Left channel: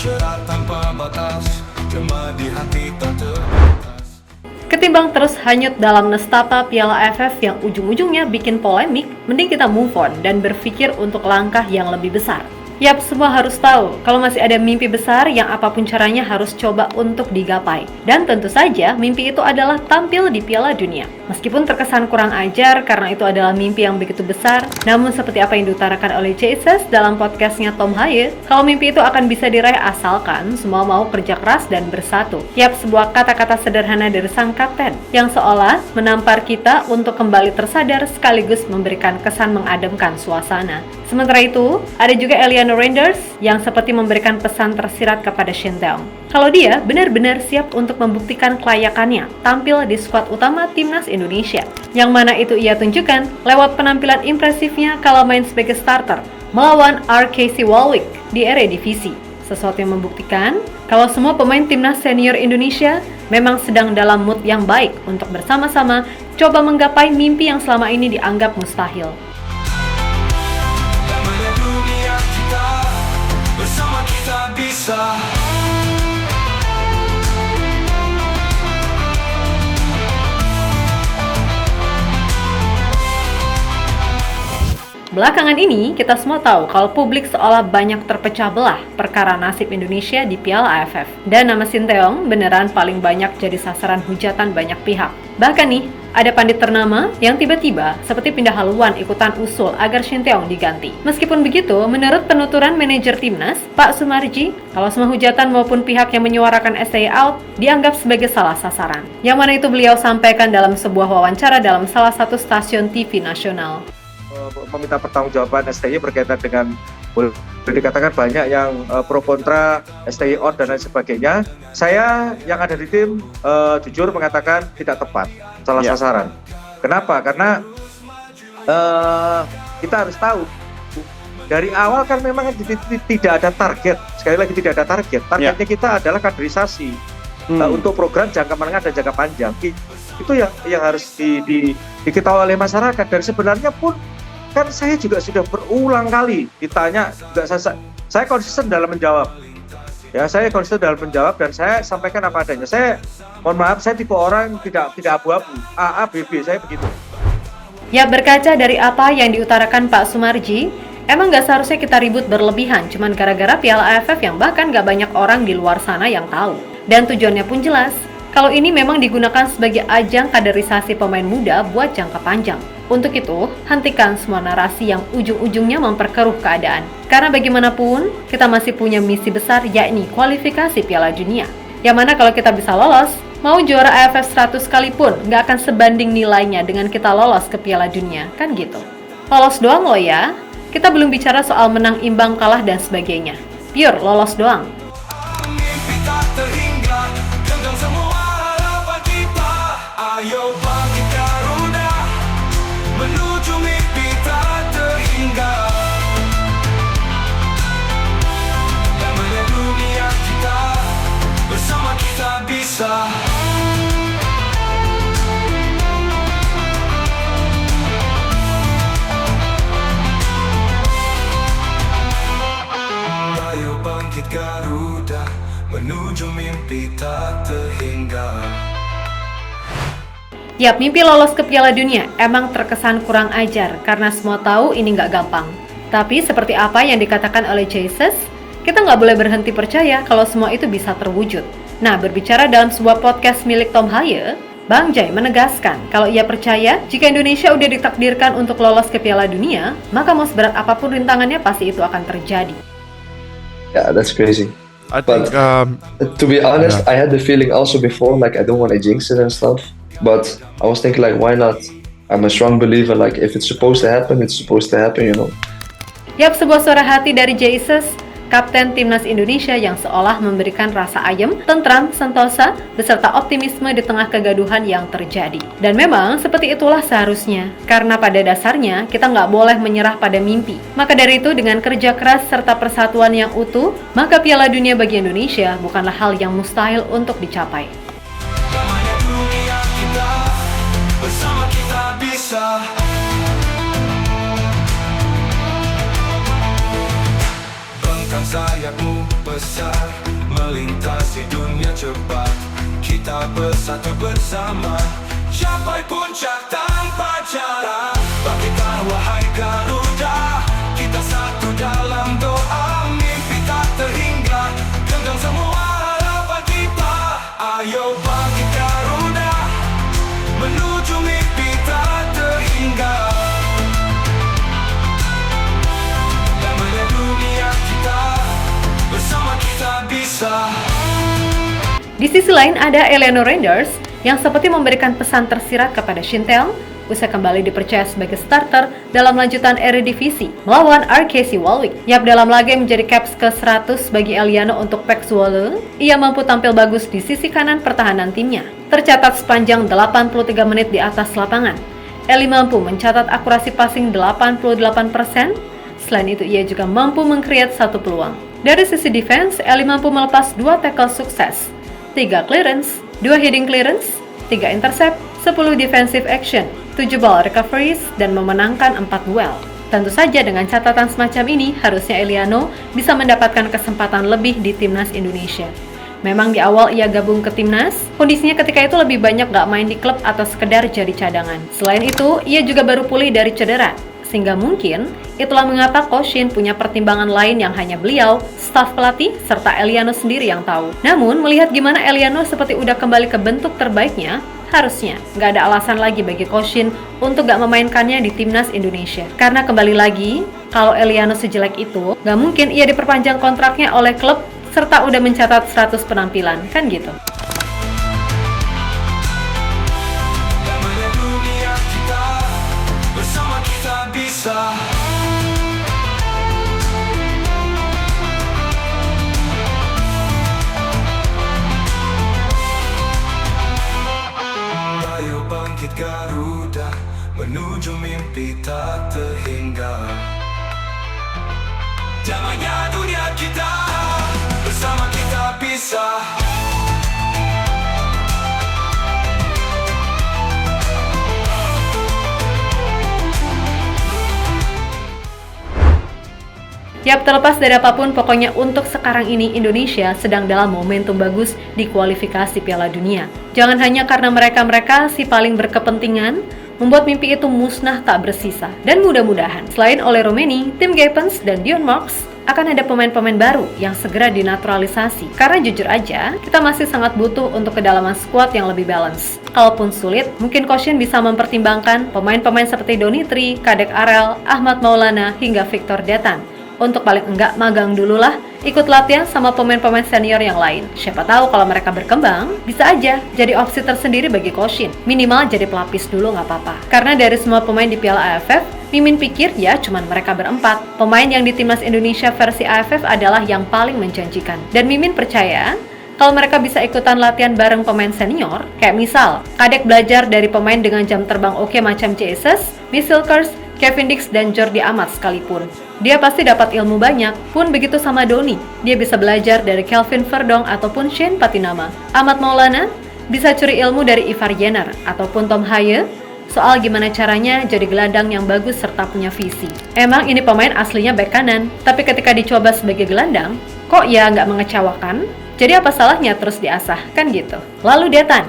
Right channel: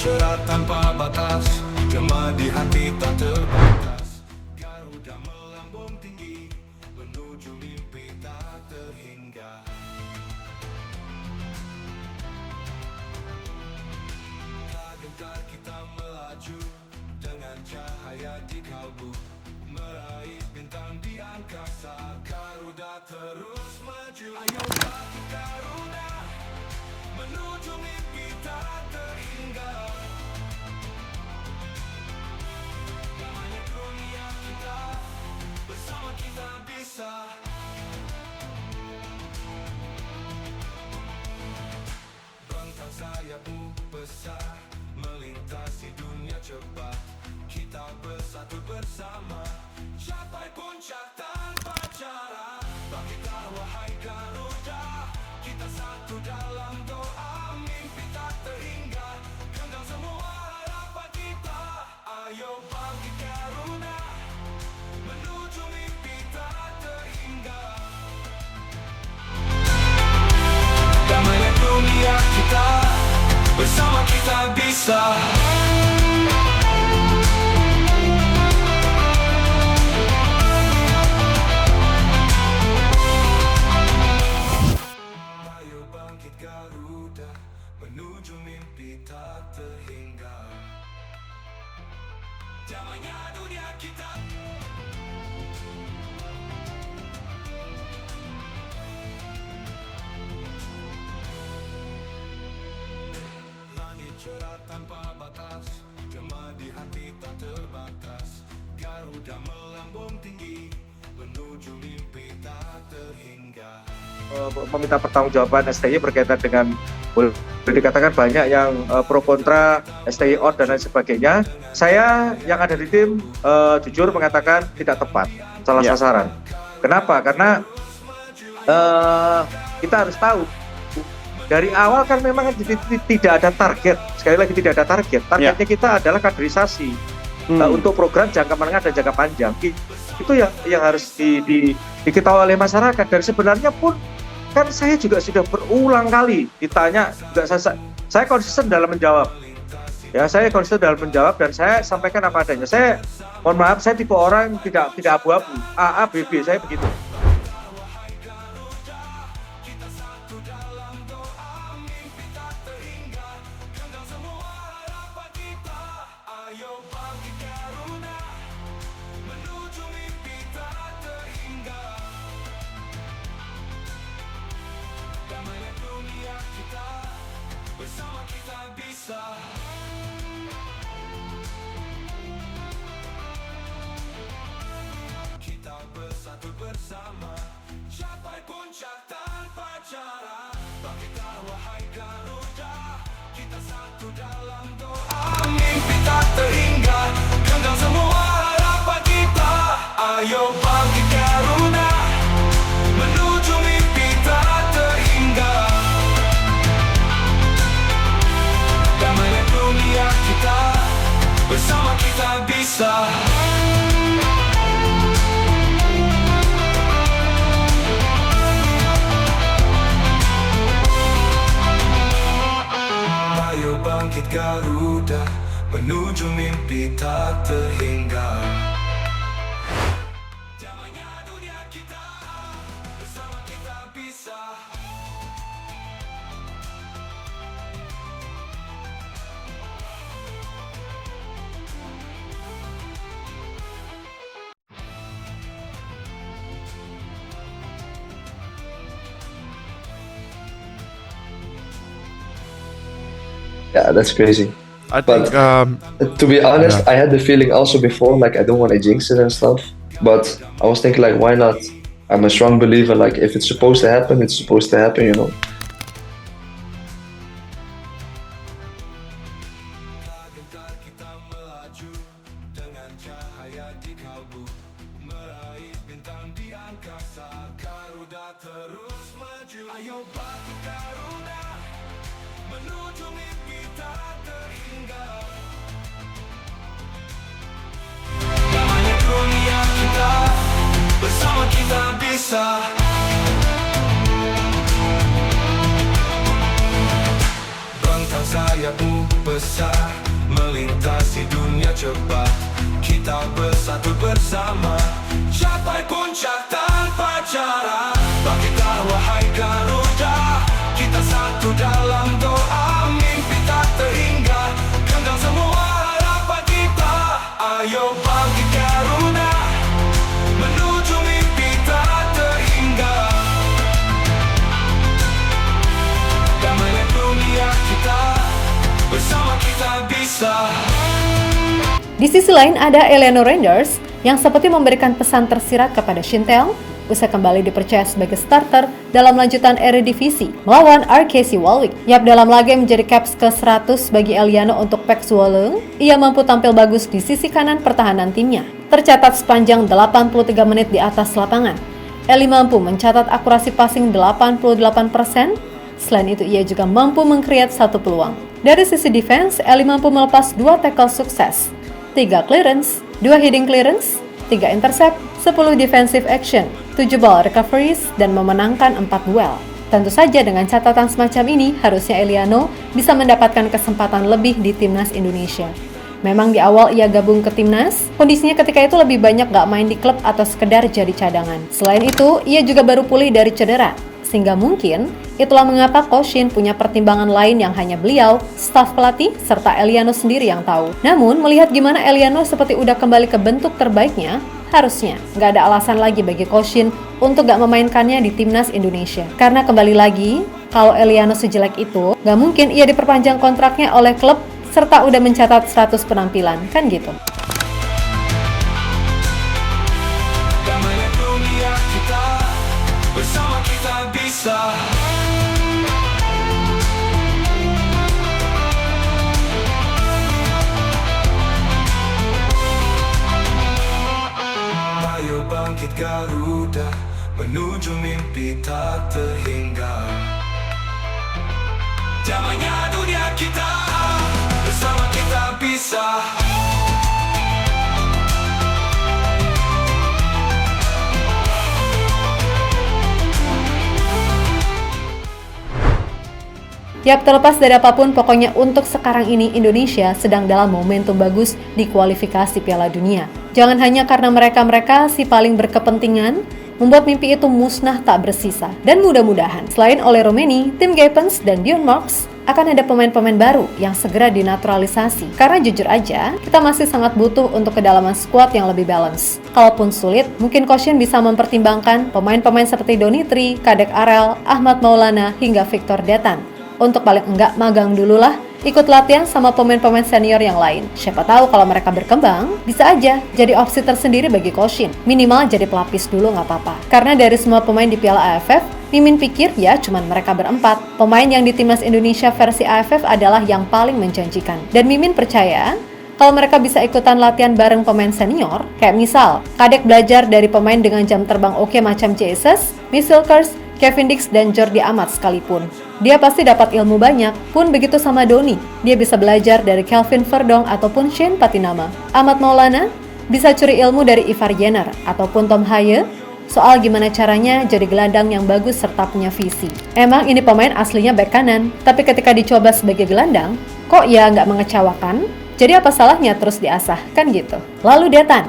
cerah tanpa batas, gema di hati tak terbatas. Ketimbang terus hanyut dalam nestapa Piala AFF yang ujung-ujungnya bikin polemik, mending kita move on dan berpikir untuk langkah yang lebih besar. Yap, semua harus tahu kalau masih ada mimpi besar yang apapun caranya harus coba untuk digapai. Dan tentu saja mimpi itu adalah tampil di Piala Dunia. Meskipun terkesan kurang ajar karena itu adalah mimpi yang begitu besar, namun seperti apa yang diutarakan oleh Jesus dalam podcastnya Tom Haye, kalau mimpi itu akan bisa diraih asalkan semua mau kerja keras dan bersatu. Yap, sebuah kata-kata sederhana dari sang kapten yang seolah menampar kita untuk kembali tersadar sekaligus memberikan kesan mengademkan suasana. Sementara itu, ada juga Eliano Reinders yang seperti memberikan pesan tersirat kepada Shin Tae-yong. Kalau dia benar-benar siap untuk membuktikan kelayakannya tampil di skuad utama Timnas Indonesia. Yang mana itu ia tunjukkan lewat penampilan impresifnya kala main sebagai starter melawan RKC Waalwijk di Eredivisie. Sesuatu yang membuktikan kalau semua pemain Timnas senior Indonesia memang sedang dalam mood yang baik untuk bersama-sama coba menggapai mimpi yang selama ini dianggap mustahil. Damainya dunia kita, bersama kita bisa. Belakangan ini, kita semua tahu kalau publik seolah banyak terpecah belah perkara nasib Indonesia di Piala AFF. Dan nama Shin Tae-yong beneran paling banyak jadi sasaran hujatan banyak pihak. Bahkan nih, ada pandit ternama yang tiba-tiba seperti pindah haluan ikutan usul agar Shin Tae-yong diganti. Meskipun begitu, menurut penuturan manajer Timnas, Pak Sumarji, kalau semua hujatan maupun pihak yang menyuarakan STY out dianggap sebagai salah sasaran. Yang mana itu beliau sampaikan dalam sebuah wawancara dalam salah satu stasiun TV nasional. Meminta pertanggungjawaban STY berkaitan dengan boleh dikatakan banyak yang pro kontra STY out dan lain sebagainya. Saya yang ada di tim jujur mengatakan tidak tepat, salah sasaran. Kenapa? Karena kita harus tahu dari awal kan memang tidak ada target. Sekali lagi tidak ada target. Targetnya kita adalah kaderisasi untuk program jangka menengah dan jangka panjang. Itu yang harus diketahui oleh masyarakat. Dan sebenarnya pun kan saya juga sudah berulang kali ditanya, juga saya konsisten dalam menjawab. Ya, saya konsisten dalam menjawab dan saya sampaikan apa adanya. Saya mohon maaf, saya tipe orang tidak abu-abu. A, B, B, saya begitu. Ya, berkaca dari apa yang diutarakan Pak Sumarji, emang gak seharusnya kita ribut berlebihan cuman gara-gara Piala AFF yang bahkan gak banyak orang di luar sana yang tahu. Dan tujuannya pun jelas, kalau ini memang digunakan sebagai ajang kaderisasi pemain muda buat jangka panjang. Untuk itu, hentikan semua narasi yang ujung-ujungnya memperkeruh keadaan. Karena bagaimanapun, kita masih punya misi besar yakni kualifikasi Piala Dunia. Yang mana kalau kita bisa lolos, mau juara AFF 100 sekalipun nggak akan sebanding nilainya dengan kita lolos ke Piala Dunia, kan gitu. Lolos doang loh ya, kita belum bicara soal menang imbang kalah dan sebagainya. Pure lolos doang. Mimpi tak terhingga, genggam semua harapan kita. Ayo bangkit Garuda, menuju mimpi tak terhingga. Damainya dunia kita, bersama kita bisa. Ayo bangkit Garuda, menuju mimpi tak terhingga. Yap, mimpi lolos ke Piala Dunia emang terkesan kurang ajar karena semua tahu ini nggak gampang. Tapi seperti apa yang dikatakan oleh Jesus, kita nggak boleh berhenti percaya kalau semua itu bisa terwujud. Nah, berbicara dalam sebuah podcast milik Tom Haye, Bang Jai menegaskan kalau ia percaya jika Indonesia udah ditakdirkan untuk lolos ke Piala Dunia, maka mau seberat apapun rintangannya pasti itu akan terjadi. Yeah, that's crazy. I think, To be honest, I had the feeling also before, like I don't want to jinx it and stuff. But I was thinking, like, why not? I'm a strong believer, like, if it's supposed to happen, it's supposed to happen, you know. Yap, sebuah suara hati dari Jesus, Kapten Timnas Indonesia yang seolah memberikan rasa ayem, tentram, sentosa, beserta optimisme di tengah kegaduhan yang terjadi. Dan memang seperti itulah seharusnya, karena pada dasarnya kita nggak boleh menyerah pada mimpi. Maka dari itu dengan kerja keras serta persatuan yang utuh, maka Piala Dunia bagi Indonesia bukanlah hal yang mustahil untuk dicapai. Damainya dunia kita, bersama kita bisa. Bangkang sayapmu besar, melintasi dunia cepat. Kita bersatu bersama, capai puncak tanpa cara. Bangkitlah wahai Garuda, kita satu dalam doa. Mimpi tak terhingga, genggam semua harapan kita. Ayo bangkit Garuda, menuju mimpi tak terhingga. Damainya dunia kita, bersama kita bisa. Di sisi lain ada Eleanor Randers yang seperti memberikan pesan tersirat kepada Shintel usai kembali dipercaya sebagai starter dalam lanjutan Eredivisie melawan RKC Waalwijk. Yap, dalam laga yang menjadi caps ke-100 bagi Eliano untuk PEC Zwolle, ia mampu tampil bagus di sisi kanan pertahanan timnya. Tercatat sepanjang 83 menit di atas lapangan, Eli mampu mencatat akurasi passing 88%. Selain itu, ia juga mampu meng-create satu peluang. Dari sisi defense, Eli mampu melepas 2 tackle sukses, 3 clearance, 2 heading clearance, 3 intercept, 10 defensive action, 7 ball recoveries, dan memenangkan 4 duel. Tentu saja dengan catatan semacam ini, harusnya Eliano bisa mendapatkan kesempatan lebih di timnas Indonesia. Memang di awal ia gabung ke timnas, kondisinya ketika itu lebih banyak gak main di klub atau sekedar jadi cadangan. Selain itu, ia juga baru pulih dari cedera. Sehingga mungkin itulah mengapa Coach Shin punya pertimbangan lain yang hanya beliau, staf pelatih, serta Eliano sendiri yang tahu. Namun, melihat gimana Eliano seperti udah kembali ke bentuk terbaiknya, harusnya nggak ada alasan lagi bagi Coach Shin untuk nggak memainkannya di timnas Indonesia. Karena kembali lagi, kalau Eliano sejelek itu, nggak mungkin ia diperpanjang kontraknya oleh klub serta udah mencatat 100 penampilan, kan gitu. Damainya dunia kita, bersama kita bisa. Ayo bangkit Garuda, menuju mimpi tak terhingga. Damainya dunia kita, bersama kita bisa. Yap, terlepas dari apapun, pokoknya untuk sekarang ini Indonesia sedang dalam momentum bagus di kualifikasi Piala Dunia. Jangan hanya karena mereka si paling berkepentingan membuat mimpi itu musnah tak bersisa. Dan mudah-mudahan selain Ole Romeni, Tim Gapens, dan Dion Marks akan ada pemain-pemain baru yang segera dinaturalisasi. Karena jujur aja, kita masih sangat butuh untuk kedalaman skuad yang lebih balance. Kalaupun sulit, mungkin Coach Shin bisa mempertimbangkan pemain-pemain seperti Donitri, Kadek Arel, Ahmad Maulana, hingga Victor Detan. Untuk paling enggak magang dulu lah, ikut latihan sama pemain-pemain senior yang lain. Siapa tahu kalau mereka berkembang, bisa aja jadi opsi tersendiri bagi Coach Shin. Minimal jadi pelapis dulu nggak apa-apa. Karena dari semua pemain di Piala AFF, Mimin pikir ya cuman mereka berempat. Pemain yang di timnas Indonesia versi AFF adalah yang paling menjanjikan. Dan Mimin percaya kalau mereka bisa ikutan latihan bareng pemain senior, kayak misal Kadek belajar dari pemain dengan jam terbang oke macam Jesus, Misilkers, Kevin Dix, dan Jordi Amat sekalipun. Dia pasti dapat ilmu banyak. Pun begitu sama Doni, dia bisa belajar dari Kelvin Verdong ataupun Shane Patinama. Ahmad Maulana bisa curi ilmu dari Ivar Jenner ataupun Tom Haye soal gimana caranya jadi gelandang yang bagus serta punya visi. Emang ini pemain aslinya bek kanan, tapi ketika dicoba sebagai gelandang, kok ya nggak mengecewakan? Jadi apa salahnya terus diasah, kan gitu. Lalu Detan,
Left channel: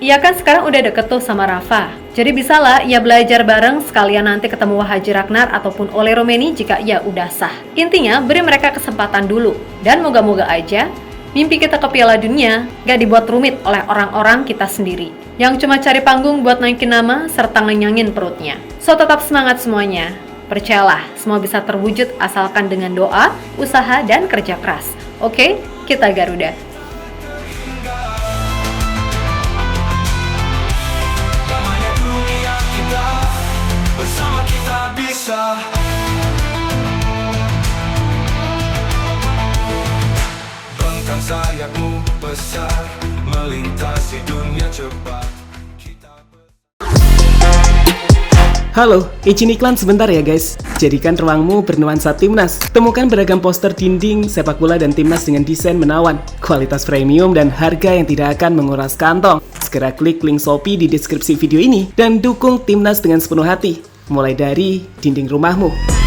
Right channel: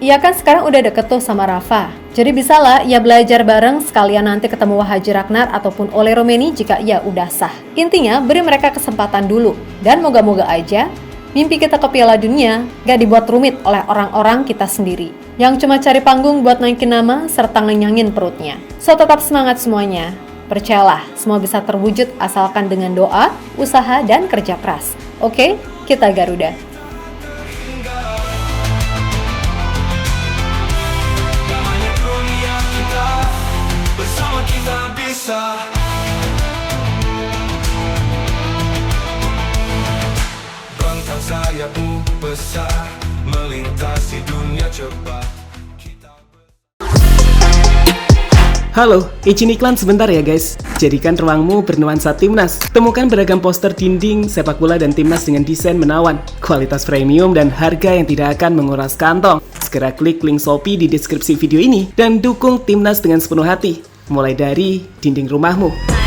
ia kan sekarang udah deket tuh sama Rafa. Jadi bisalah ia belajar bareng sekalian nanti ketemu Haji Ragnar ataupun Ole Romeni jika ia udah sah. Intinya beri mereka kesempatan dulu. Dan moga-moga aja mimpi kita ke Piala Dunia gak dibuat rumit oleh orang-orang kita sendiri yang cuma cari panggung buat naikin nama serta ngenyangin perutnya. So tetap semangat semuanya. Percayalah, semua bisa terwujud asalkan dengan doa, usaha, dan kerja keras. Oke, kita Garuda. Damainya dunia kita, bersama kita bisa. Bentang sayapmu besar, melintasi dunia cepat. Halo, izin iklan sebentar ya guys. Jadikan ruangmu bernuansa timnas. Temukan beragam poster dinding, sepak bola dan timnas dengan desain menawan, kualitas premium dan harga yang tidak akan menguras kantong. Segera klik link Shopee di deskripsi video ini dan dukung timnas dengan sepenuh hati. Mulai dari dinding rumahmu.